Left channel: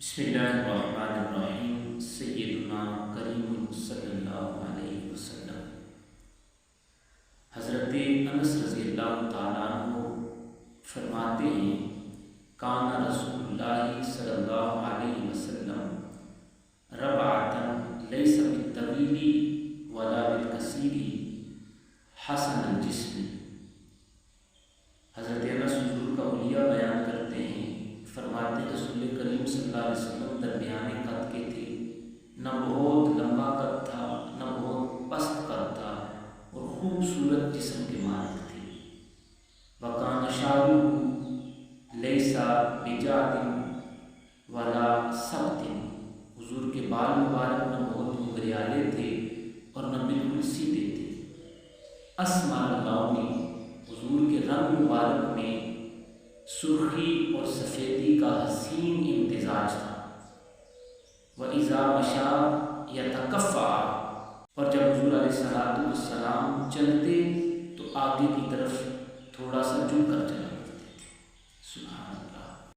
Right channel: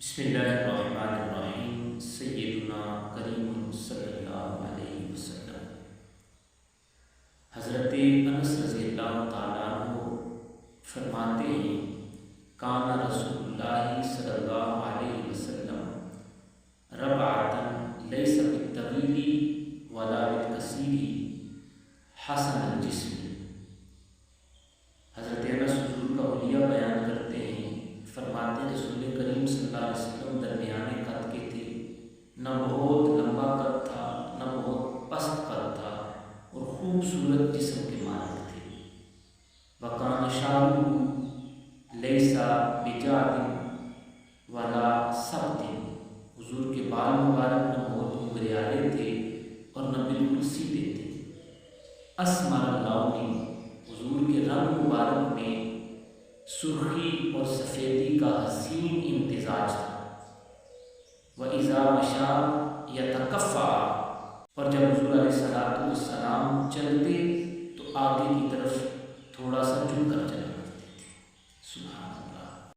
بسم اللہ الرحمن الرحیم سیدنا کریم صلی اللہ علیہ وسلم۔ حضرت انس رضی اللہ تعالیٰ عنہ فرماتے ہیں کان رسول اللہ صلی اللہ علیہ وسلم ربعتن لیس بالطویل ولا بالکثیر حسن الجسم۔ حضرت انس حضور کا حلیہ بیان کرتے ہیں، فرماتے ہیں رسول کریم صلی اللہ علیہ وسلم درمیانے قد کے تھے، نہ بہت لمبا قد تھا نہ بہت پست قد تھا، اور خوبصورت جسم کے مالک تھے۔ وکان شعرہ لیس بجعد ولا سبط، حضور کے بال مبارک نہ بہت گھریالے تھے اور نہ بالکل سیدھے تھے۔ اسمر اللون، حضور کے رنگ مبارک میں سرخی اور سفیدی کا حسین امتزاج تھا۔ وَإِذَا مَشَىٰ يَتَكَفَّعَ، اور جب حضور علیہ السلام چلتے تو آگے کی طرف